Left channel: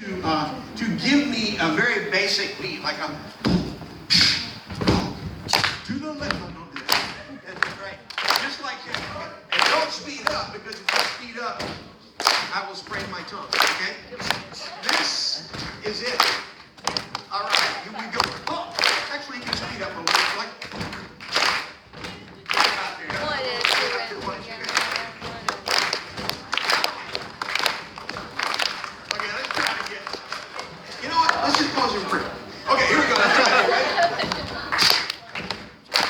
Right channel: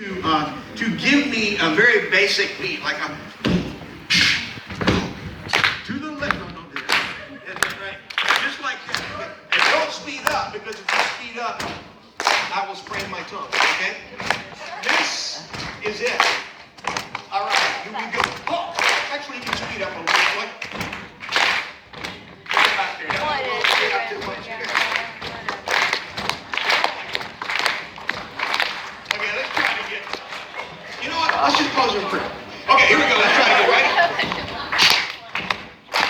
to give me a very basic beat, like a to the left. No, don't do that. That's right. Just like that. Okay? And don't speed up, because if you speed up, I will sprain my tongue. Okay? This is it. All right. Here we go. Oh, actually, you can speed up a little bit. Like, get out there. Get out there. Okay, let's try it again. You know what? Let's just pause and pray. Okay, here we go. Let's try it again, right?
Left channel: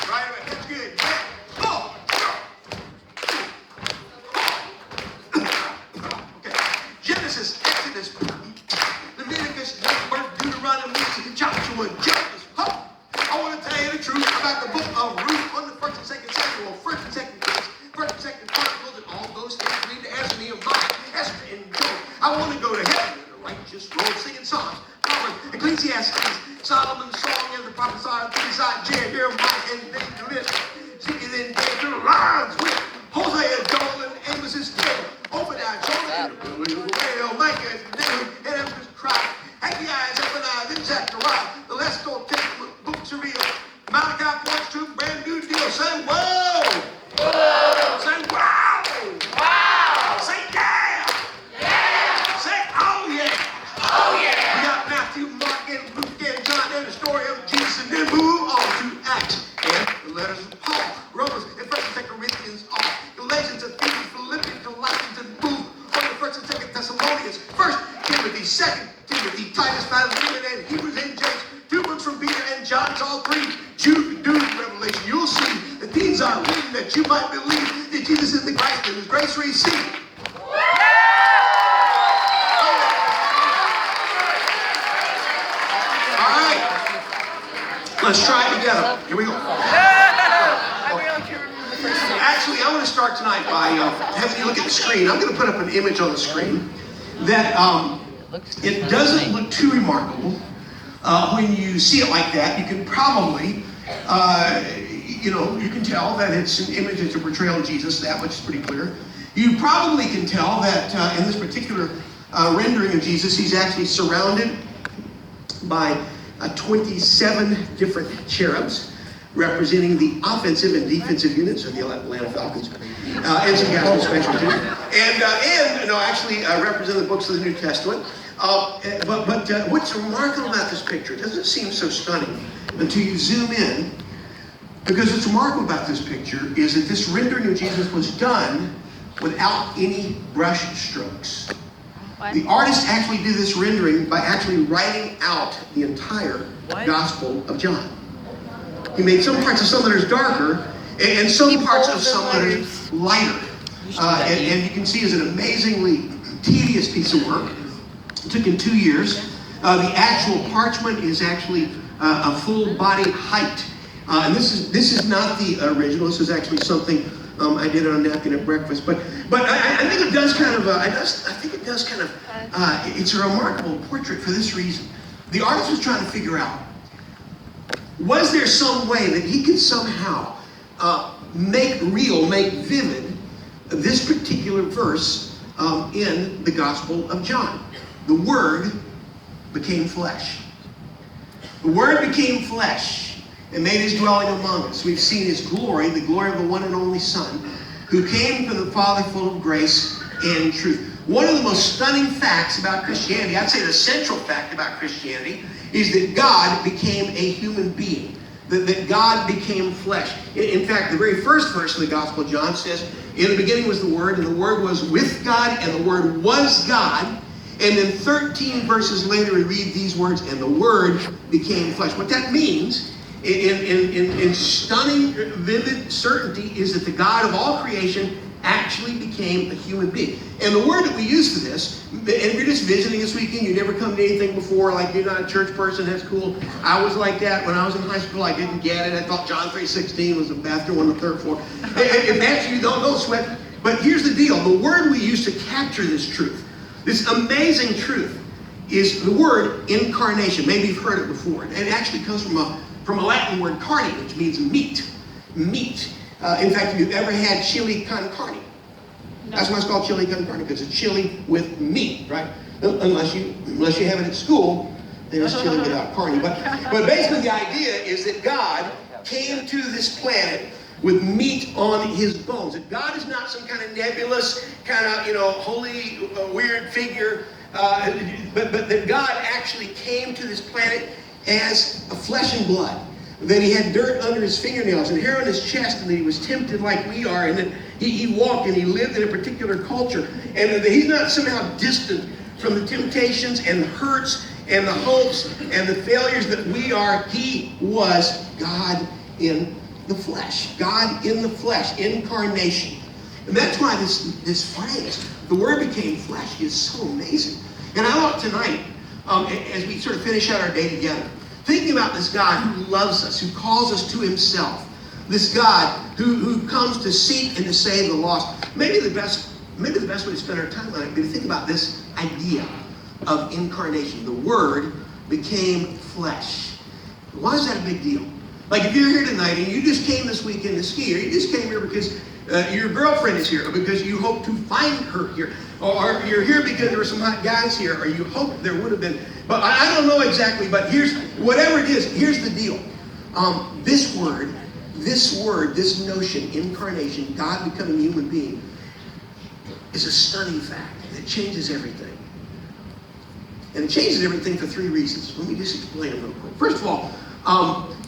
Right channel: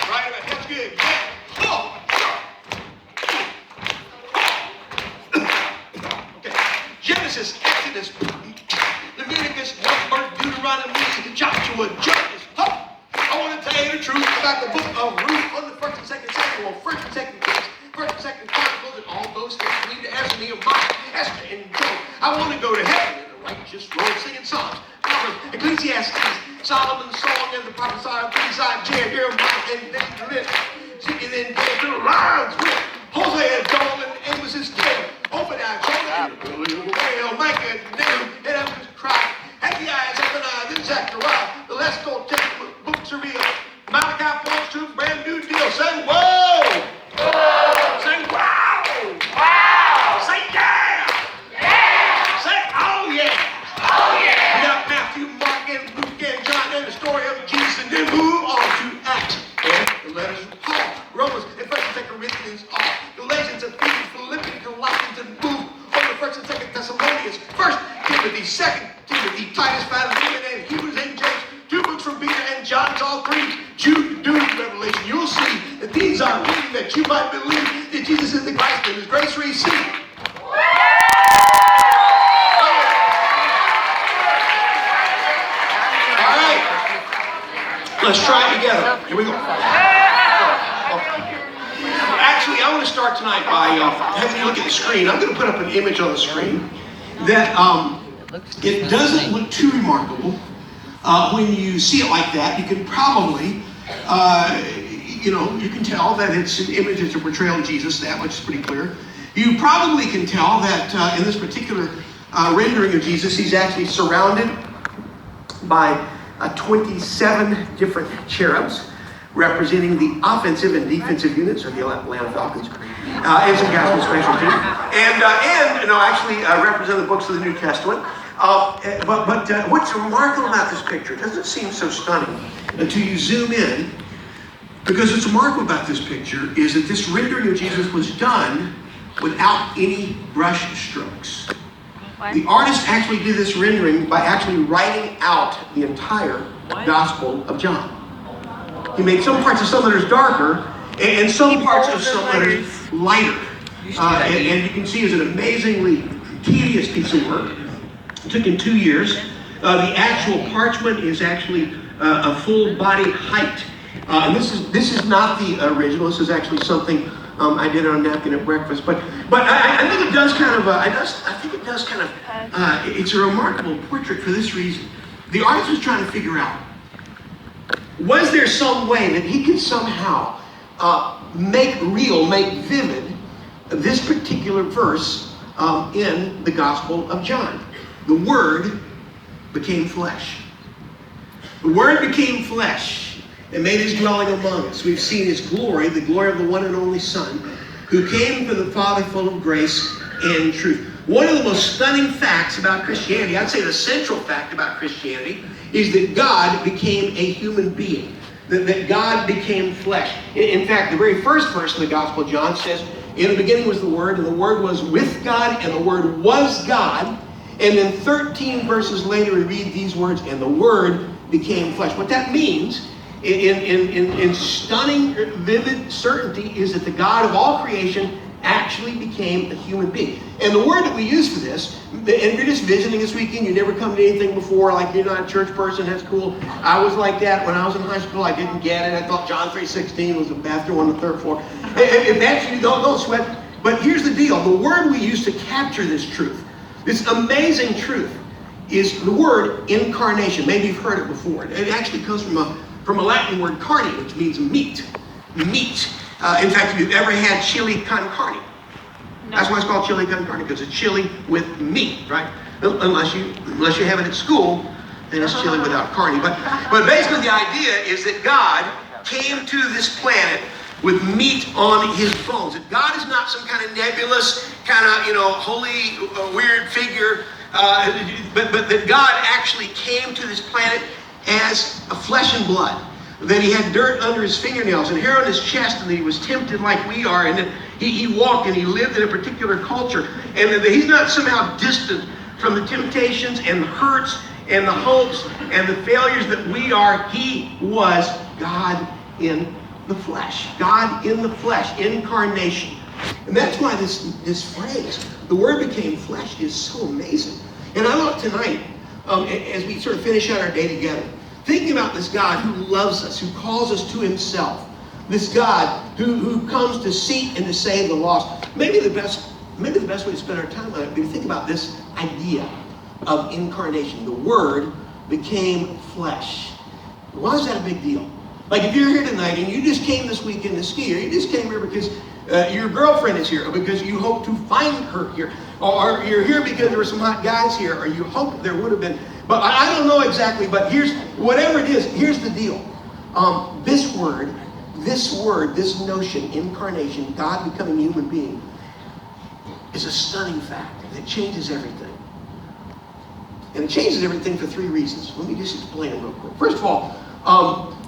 Right away. That's good. Oh! Okay. Genesis, Exodus, Leviticus, Numbers, Deuteronomy, Joshua, Judges. Oh! I want to tell you the truth about the book of Ruth on the 1st and 2nd Samuel, 1st and 2nd Kings, 1st and 2nd Chronicles, and all those things lead to Esther, Nehemiah, Esther, and Job. I want to go to heaven in a righteous road singing songs. Ecclesiastes, Solomon's song, and the prophets are Isaiah, Jeremiah, and David, singing in David rhymes with Hosea, Joel, and Amos's tale. Obadiah, Jonah, and Whale, Micah, and Nahum, and Amos Christ, Haggai, Zephaniah, and Zechariah. The let's go take books are real. Malachi points to a brand new deal. Say whoa! Whoa! Say wow! Wow! Say yeah! Yeah! Say oh yeah! Oh yeah! We got Matthew, Mark, and Luke, and John, and the story of Jesus, and then move on to Acts and the letters of Paul, Romans, and 1st and 2nd Corinthians, Galatians, and Ephesians, Philippians, Colossians, and move on to 1st and 2nd Thessalonians, 1st Timothy, 2nd Timothy, Titus, Philemon, and Hebrews, and James. 2 books from Peter and John's, all 3. Jude, Revelation. You'll see that these are written that you might believe that Jesus is the Christ and His grace receive. All right. Let's try it together. Here we go. Actually, I want to start tonight by having you look at the screen. I'm going to put up an image on the screen that it doesn't look too remarkable. When you see it like that, you can probably, you can tell that it's an image, it's a portrayal of Jesus. That much is pretty clear. You probably can tell that in this particular rendering of Jesus, he's actually surrounded by 27 different cherubs representing the offensive and defensive units of the Atlanta Falcons, and some guys with special teams, and actually represent the books of the New Testament. But what's remarkable about this picture, it doesn't seem so stunning until you zoom in, because what's remarkable about this picture is that this rendering of Jesus was done without any brush strokes. What? The artist actually did this rendering by actually writing out the entire Gospel of John. He made some parts of some letters darker and some parts of some letters lighter. And you can see it's an amazingly tedious piece of work. It took him 2 years. The actual parchment is actually a full body height. And this is not the original. This is actually something I did on a napkin at breakfast. But I think it does kind of. It's a remarkable portrait for this reason. The artist was trying to figure out, was there some way that he could somehow make vivid this particular verse in the Gospel of John? The Word became flesh. The Word became flesh and made His dwelling among us. We've seen His glory, the glory of the one and only Son, who came from the Father full of grace and truth. One of the most stunning facts about Christianity, I'd say the central fact about Christianity, is that God became a human being. That God became flesh. In fact, the very first verse of the Gospel of John says, in the beginning was the Word, and the Word was with God, and the Word was God. And then 13 verses later, we read these words, and the Word became flesh. What that means, in stunning, vivid certainty, is that the God of all creation actually became a human being. And the word that we use for this, and if you're just visiting this weekend, you never come to anything before, like you're not a church person, that's cool. I was like that when I was in high school. I didn't get it. I thought John 3:16 was the bathroom on the 3rd floor. If that's you, don't sweat. But here's the deal. The word we use to capture this truth, this amazing truth, is the word incarnation. Maybe you've heard it before. It actually comes from a Latin word carne, which means meat. Meat. In fact, if you've ever had chili con carne, no. That's why it's called chili con carne, because it's chili with meat, right? unless you have it at school, then it's chili without carne. But basically the idea is that God came to this planet with meat on his bones. That God is not some kind of nebulous, kind of, holy, weird figure, but that God actually came to this planet as a flesh and blood. That he had dirt under his fingernails and hair on his chest, and that he was tempted like we are, and that he walked and he lived in a particular culture, and that he's not somehow distant from the temptations and the hurts and the hopes and the failures that we are. He was God in the flesh. God in the flesh, incarnation. And that's why this phrase, the Word became flesh, is so amazing. And I want tonight, as we sort of finish out our day together, thinking about this God who loves us, who calls us to himself, this God who comes to seek and to save the lost. Maybe the best way to spend our time on it would be to think about this idea of incarnation. The Word became flesh. Why is that a big deal? Like if you're here tonight and you just came this weekend to ski, or you just came here because your girlfriend is here, or because you hope to find her here, or you're here because there were some hot guys here, or you hope there would have been, but I don't know exactly, but whatever it is, here's the deal. This word, this notion, incarnation, God becoming a human being, is a stunning fact. And it changes everything. And it changes everything for three reasons. Let me just explain them real quick. First of all,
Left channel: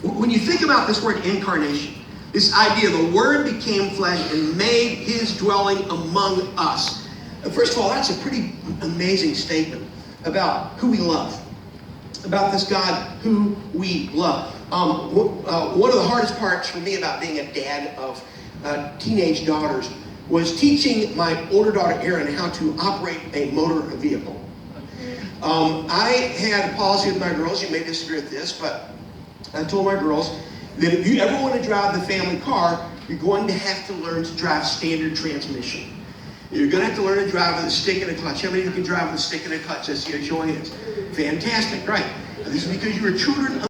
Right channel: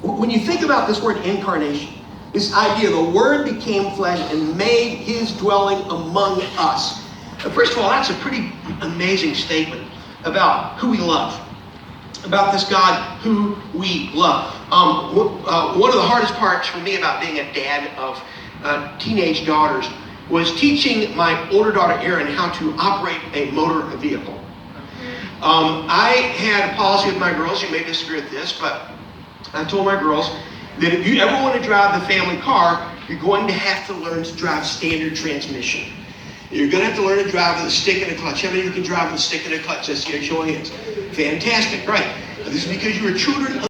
when you think about this word incarnation, this idea the Word became flesh and made his dwelling among us. First of all, that's a pretty amazing statement about who we love, about this God who we love. One of the hardest parts for me about being a dad of teenage daughters was teaching my older daughter Erin how to operate a motor vehicle. I had a policy with my girls, you may disagree with this, but I told my girls that if you ever want to drive the family car, you're going to have to learn to drive standard transmission. You're going to have to learn to drive with a stick and a clutch. How many of you can drive with a stick and a clutch? Let's see your show of hands. Fantastic, right. This is because you were children of